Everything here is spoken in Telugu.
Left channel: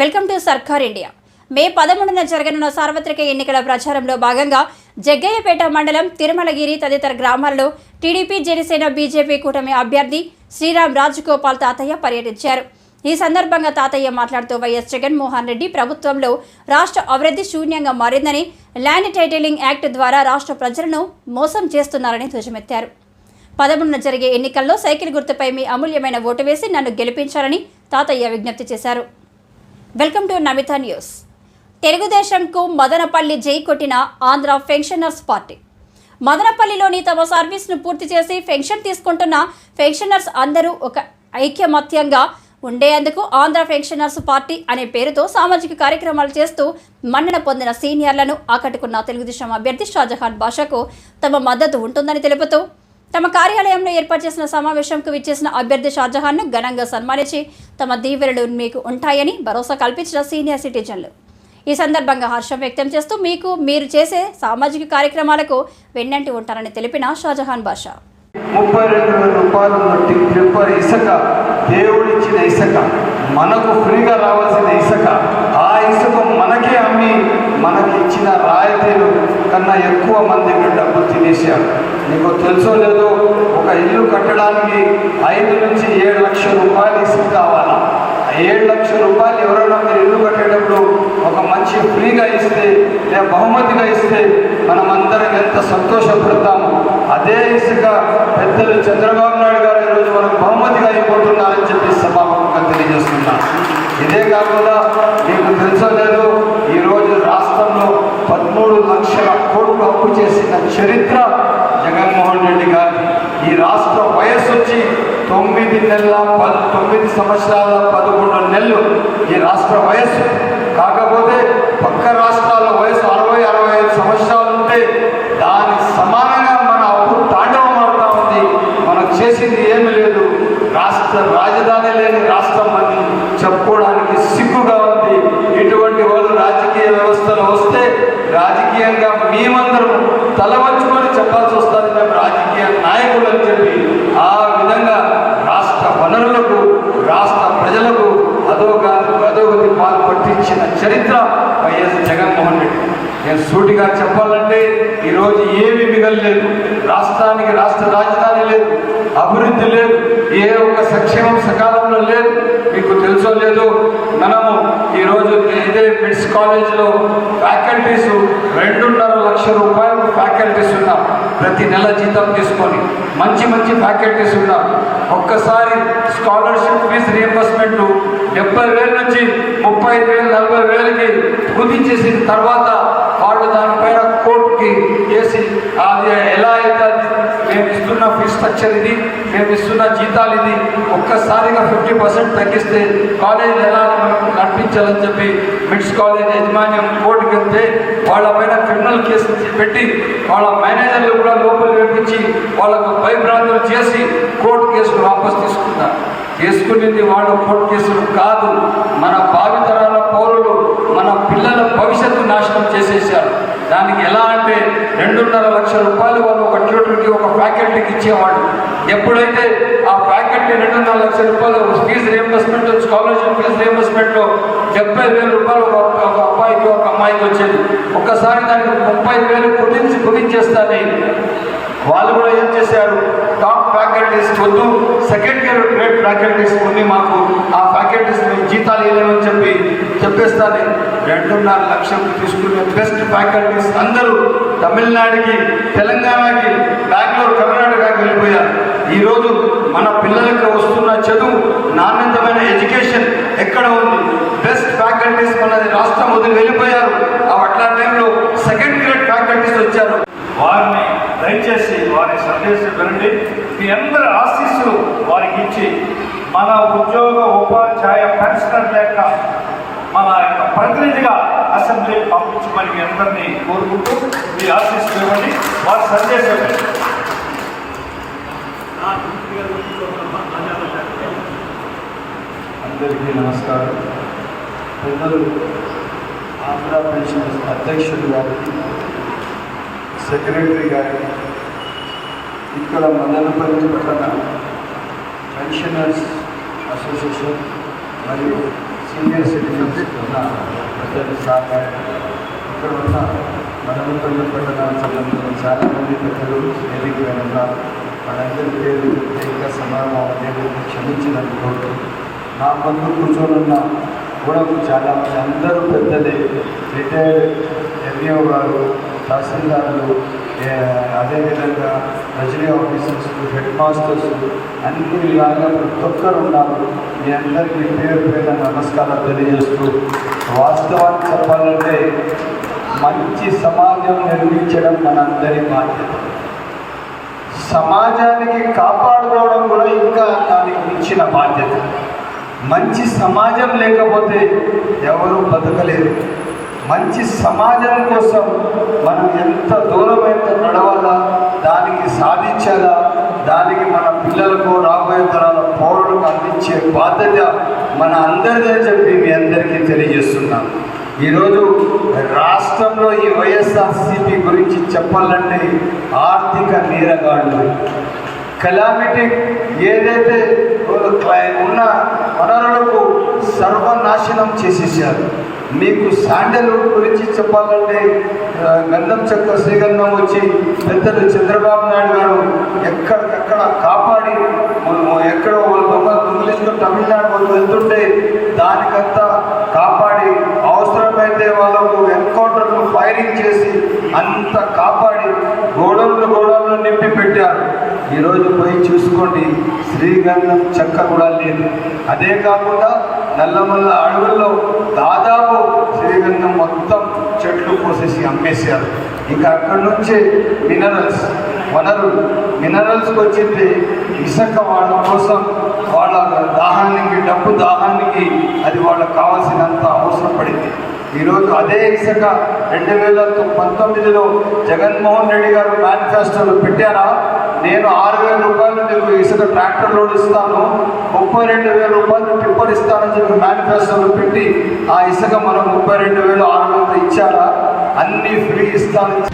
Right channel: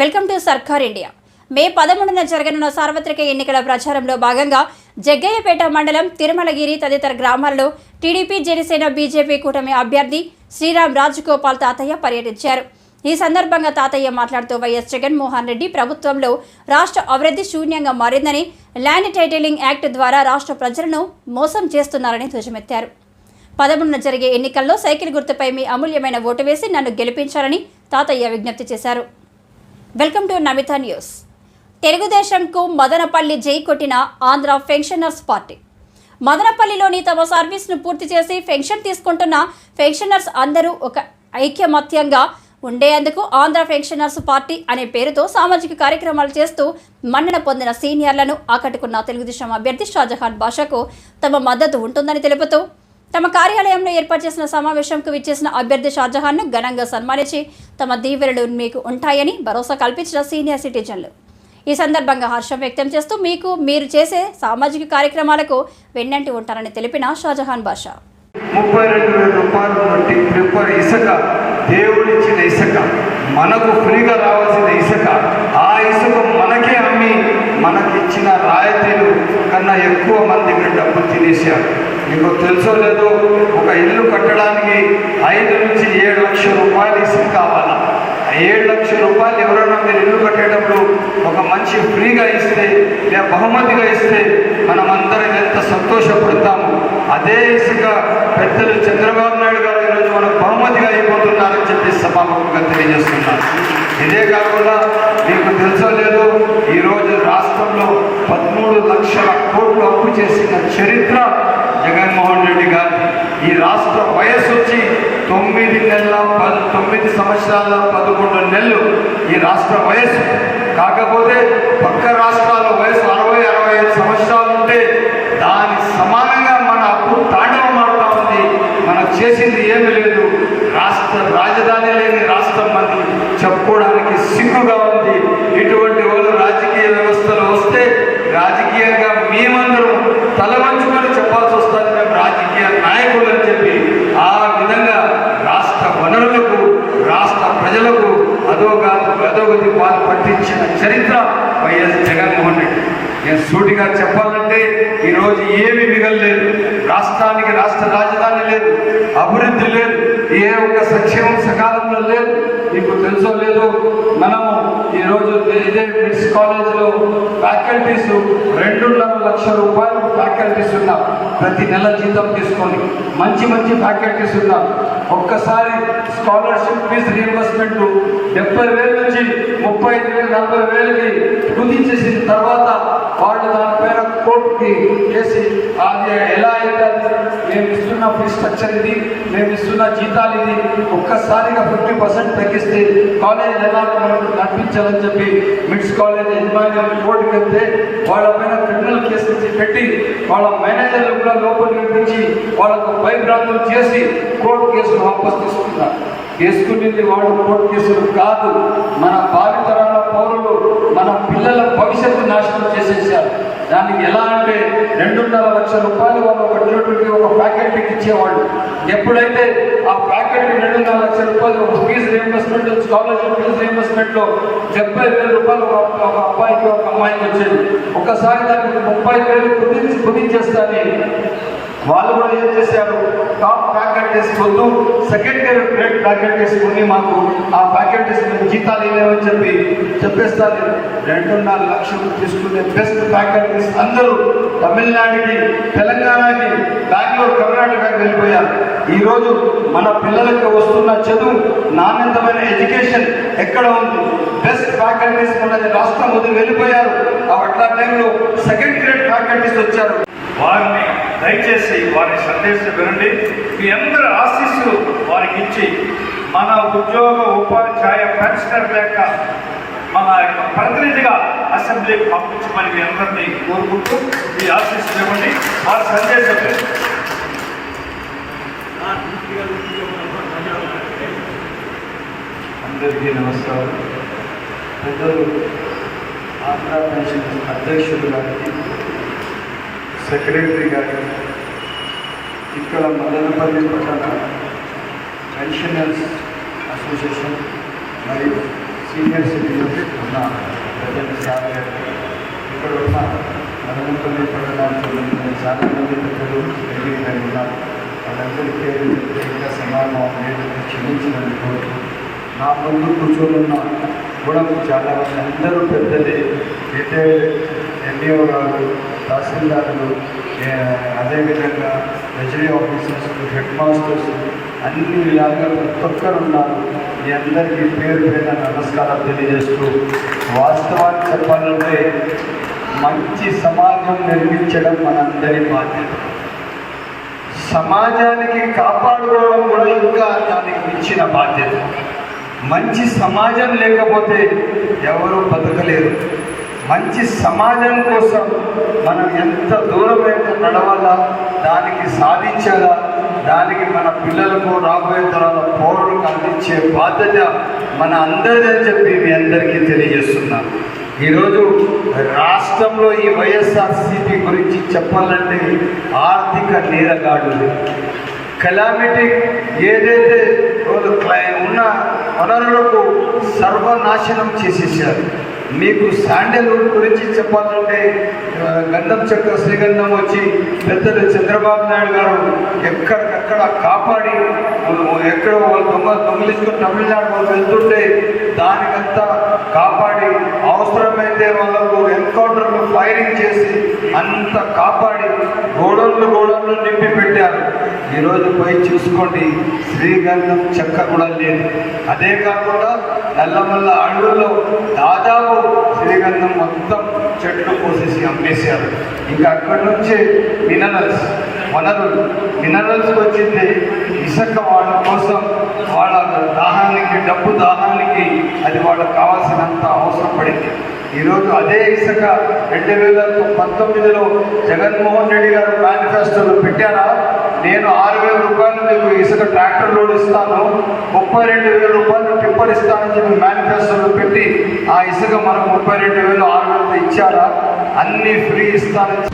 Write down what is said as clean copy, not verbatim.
వెల్కమ్ టు సర్కార్ ఇండియా. మే 11న జరగనున్న సార్వత్రిక ఎన్నికల ప్రచారంలో భాగంగా జగ్గయ్యపేట మండలం తిరుమలగిరి తదితర గ్రామాల్లో టీడీపీ, జనసేన, బీజేపీ కూటమి అభ్యర్థి శ్రీరామ్ రాజగోపాల్ తాతయ్య పర్యటించారు. ఈ సందర్భంగా తాతయ్య మాట్లాడుతూ వైఎస్ జగన్మోహన్ రెడ్డి ప్రభుత్వంలో రాష్ట్ర అభివృద్ధి శూన్యంగా మారిందని, ల్యాండ్ టైటిలింగ్ యాక్ట్ ద్వారా రాష్ట్ర ప్రజలను మోసం చేస్తున్నారని ధ్వజమెత్తారు. 11న జరిగే ఎన్నికల్లో సైకిల్ గుర్తుపై మీ అమూల్యమైన ఓటు వేసి నన్ను గెలిపించాలని తాతయ్య విజ్ఞప్తి చేశారు. Welcome to Namitha news. తెలుగుదేశంకు మదనపల్లి జై కొట్టిన ఆంధ్ర పెన్షనర్స్ పార్టీ. మదనపల్లిలోని తమ సర్వీస్ను పూర్తి చేసి పెన్షన్ తీసుకుంటున్న పెన్షనర్స్ అందరూ ఒక ఐక్యమత్యంగా ఉండేందుకు ఆంధ్ర పెన్షనర్స్ పార్టీ అనే పేరుతో సామాజిక కార్యక్రమాలు చేస్తూ మన్నన పొందిన సీనియర్లను ఆకట్టుకున్న తెలుగుదేశం అభ్యర్థి షాజహాన్ బాషాకు తమ మద్దతు ఉంటుందని తెలుపుతూ తమ కార్యాలయంలో ఏర్పాటు చేసిన సమావేశంకు విచ్చేసిన అభ్యర్థి షాజహాన్ను ఘనంగా సన్మానించి తమ దీవెనలు మీకు ఉంటాయని భరోసా కల్పించిన సీనియర్ సిటిజన్లు. ఈ సందర్భంగా హర్షం వ్యక్తం చేస్తూ మీరు చేసే సామాజిక కార్యక్రమాలకు వెన్నంటి ఉంటారని తెలిపిన షాజహాన్ బాషా. 32,000 రూపాయలు ఇసుక, దేవుడిచ్చిన ఇసుక, మనకు ఫ్రీగా రావాల్సిన ఇసుక, ఆ ఇసుక మనకే అమ్మి మనకిచ్చిన రాయితీలు కన్నా ఎక్కువ మంది డబ్బు తినేశారు. మీకు తెలుసో లేదో, ఒక ఇల్లు కట్టడానికి 5 నుంచి 7 లక్షల రూపాయలు ఇసుక కావాలా. 7 లక్షల రూపాయలు ఎవరైనా మీరు ఇల్లు కట్టేటప్పుడు ఒక మంచి ఫ్రీగా ఇస్తే లేదా బహుమతిగా ఇస్తే మనమందరం ఎంత సంతోషపడతాము. అదే ఇసుక పెద్దలు చంద్రబాబు నాయుడు గారు ఈరోజు మనకు బహుమతిగా అయిపోతున్నారని చెప్పి సభాముఖంగా తెలియజేస్తున్నాను. ఇదే కాకుండా మీకు తెలుసో లేదో, ఈరోజు రాష్ట్రంలో 13 లక్షల కోట్లు అప్పు చేసిన చరిత్ర జగన్మోహన్ రెడ్డి గారి. ఈ రాష్ట్ర వయస్సు వచ్చి 9 సంవత్సరాల 11 నెలలు ఈ రాష్ట్ర వయస్సు. కాకపోతే పక్క రాష్ట్రాల వయసు 60-65 సంవత్సరాలు ఉంటే దానికి సమానంగా మన అప్పు తాండవమాడుతూ ఉంది. మనకు చేసింది ఏమీ లేదు. రాష్ట్ర రాజధాని లేని రాష్ట్రం అని చెప్పుకోవడానికి సిగ్గుగా ఉంది. ఇటువంటి వాళ్ళు రాజకీయ వ్యవస్థలో వస్తే రాజకీయంగా మేమందరం తల వంచుకొని చెప్పాల్సి వస్తుంది, మేము రాజకీయ నాయకులు అని చెప్పి. ఆ విధంగా రాష్ట్ర వనరులకు, రాష్ట్ర ప్రజలకు అధోగతి పాలు పట్టించిన చరిత్ర వైఎస్ జగన్మోహన్ రెడ్డి. నేను సూటిగా చెప్పాలంటే ఈరోజు ఏమీ మిగలలేదు. రాష్ట్రానికి రాష్ట్ర రాజధాని లేదు, అభివృద్ధి లేదు, ఏ ఒక్క సంక్షేమం సకాలంలో లేదు. మీకు తెలుసో లేదో, మనము ఈరోజు ఇదే మిడ్స్ కాలేజ్లో ఫ్యాకల్టీస్ 2.5 లక్షల రూపాయలు ఫ్యాకల్టీస్ ఉన్నాం. ప్రతి నెల జీతం తీసుకొని మంచి ఫ్యాకల్టీస్ ఉన్నాం. ఒక్కసారి స్కాలర్షిప్ ఫీజు రియంబర్స్మెంట్ 70,000 నుంచి 35,000, 40,000కి కుదించేసిన తర్వాత వాళ్ళు దానిపైన కోర్టుకి చేసి అది ఎలా అవుతుంది, మేము ఇస్తున్న ఫీజు స్ట్రక్చర్ ఇది, మేము ఇస్తున్న జీతాలు ఇది, ఒక్కసారిగా 50% తగ్గిస్తే కాలేజీలు ఎలా నడిపించాలని చెప్పి మిడ్స్ కాలేజ్ యాజమాన్యం కోర్టుకి వెళ్తే వాళ్ళపైన క్రిమినల్ కేసు పెట్టి వాళ్ళ మేనేజర్లు కూడా లోపల వేపించి వాళ్ళకు భయభ్రాంతులు చేసి కోర్టు కేసులు వాపసు తీసుకున్నారు. తీసుకునేది వాళ్ళు కోర్టు కేసులు కాదు, మన భావితరాల పౌరులు, మన పిల్లల భవిష్యత్తు నాశనం చేసేసారు. దానికి ఎలా అంటే 2.5 లక్షల రూపాయలు వాళ్ళు ఒక ట్యూటర్కి, ఒక ఫ్యాకల్టీకి ఇచ్చేవాళ్ళు. ఎప్పుడైతే ఆ ఫ్యాకల్టీ 2.5 లక్షల రూపాయలు ఫీజు రియంబర్స్మెంట్, స్కాలర్షిప్ ఫీజు రియంబర్స్మెంట్లో 70,000 రూపాయలు ఒక అబ్బాయికి, ఒక అమ్మాయికి వచ్చేది. ఒక్కసారి దానికి 30,000 కుదించేస్తారని వాళ్ళు కూడా ఏం చేశారు, టాప్ ఫ్యాకల్టీస్ వద్దు, సెకండ్ గ్రేడ్ ఫ్యాకల్టీస్ ఉంది, మాకు ఆ ఫ్యాకల్టీస్ జీతాలు ఇవ్వలేమని చెప్పేస్తారు. 2.5 లక్షలు తీసుకునే బెస్ట్ ఫ్యాకల్టీస్ అందరూ తమిళనాడుకి, తెలంగాణకి, బెంగళూరు, కర్ణాటకకి వెళ్ళిపోయారు. ఈరోజు మన పిల్లలకు వస్తున్న చదువు, నాణ్యతమైన ఎడ్యుకేషన్ ఎక్కడ ఉంది? బెస్ట్ ఫ్యాకల్టీస్ మనది రాష్ట్రం వదిలి వెళ్ళిపోయారు. అట్లా టైంలో సెకండ్ గ్రేడ్ ఫ్యాకల్టీస్ వచ్చారు. వారిని దయచేసి వారిని సందేశం వినండి. మీ అందరి ఆశీస్సులు వారికి ఇచ్చి మన ఉద్యోగ ఉపాధ్యాయ పెన్షనర్ లేక మన యొక్క ప్రతినిధిగా అసెంబ్లీకి పంపించమని మీ అందరినీ కోరుకుంటూ మీ ఆశీస్సులు ఇవ్వండి. వారి సందేశం అందరికీ నమస్కారం. పెద్దలు ఆంధ్ర పెన్షన్ అధ్యక్షులు గారికి, సెక్రటరీ గారికి, ఇక్కడ మదనపల్లి పట్టణ పెన్షనర్స్ అసోసియేషన్ మరియు సీనియర్ సిటిజన్స్ ఉన్న ప్రజలు సార్ ఇక్కడ ఉన్న మనమంతులు చాలా మంది పెద్దలు వేదిక మీద ఉన్నారు. వాళ్ళందరి పేరు ఇంకా సమానం నేను క్షమించినందుకు నా ముందు కూర్చొని కూడా చాలా మంది అందరూ పెద్దలే, రిటైర్డ్ ఎంఈఓ గారు, తహసీల్దారులు, అదేవిధంగా రెజరీ ఆఫీసర్స్, హెడ్ మాస్టర్స్, అన్ని విధాలుగా ప్రతి ఒక్కరు ఉన్నారు. మీ అందరికీ పేరు పేద నమస్కారాలు తెలియజేస్తూ, వాస్తవాన్ని చెప్పాలంటే మంచి సమాజం నిర్మించడం మనందరి బాధ్యత. సమాజానికి కాపాడుకోవడం కూడా ఇంకా దానికి మించిన బాధ్యత. మంచి సమాజం లేకపోతే ఎవరు బతకలేరు. మంచి సమాజం కోసం మనం ఎంత దూరమైతే నడవాలా, దానికి సాధించాలా, దానికి మన పిల్లలకు రాబోయే తరాల పౌరులకు అందించే బాధ్యత మన అందరిదని చెప్పి మీ అందరికీ తెలియజేస్తున్నాను. ఈరోజు రాష్ట్రంలో ఈ వైఎస్ఆర్సీపీ గురించి చెప్పాలంటే ఆర్థిక నీరగాడులు, కెలామిటీ ఏదైతే ఉన్న వనరులకు సర్వనాశనం చేసేసారు. మీకు శాండల్వుడ్ గురించి చెప్పాలంటే గంధం చెక్క శ్రీగంధం వచ్చి పెద్దలు చంద్రబాబు నాయుడు గారు ఎక్కడికక్కడ కాపాడి, ఎక్కడో వాళ్ళ దొంగిలించుకొని తమిళనాడు వాళ్ళు వెళ్తుంటే దానికంతా కాపాడి, అవసరమైతే వాళ్ళకు ఎన్కౌంటర్లు ఫైరింగ్ చేసి అంత కాపాడి గోడౌన్లు నింపి పెట్టారు. ఈరోజు పోయి చూసుకోండి, శ్రీగంధం చెక్క కూడా లేదు. అదే కాకుండా నల్లమల్ల అడవుల్లో దాదాపు శ్రీగంధం మొత్తం చెట్లు కోసేసి అమ్మేశారు. ఇంకా అక్కడి నుంచి మినరల్స్ వచ్చింది ఇసుక వాళ్ళ కోసం, వాళ్ళ దాహానికి, డబ్బు దాహానికి అది వాళ్ళకు కావాల్సినంత అవసరం పడింది. ఈరోజు అదే ఇసుక 2019లో జగన్మోహన్ రెడ్డి గారు మేనిఫెస్టోలు పెట్టారా, నేను 6,000 రూపాయలు మీకు ఇసుక ట్రాక్టర్ లోడ్ ఇస్తాను, 32,000 రూపాయలు టిప్పర్ ఇస్తానని చెప్పి మేనిఫెస్టోలు పెట్టి ఆ ఇసుక మనం 32,000 6,000 ఇచ్చారా? అన్నీ ఫ్రీ ఇస్తానని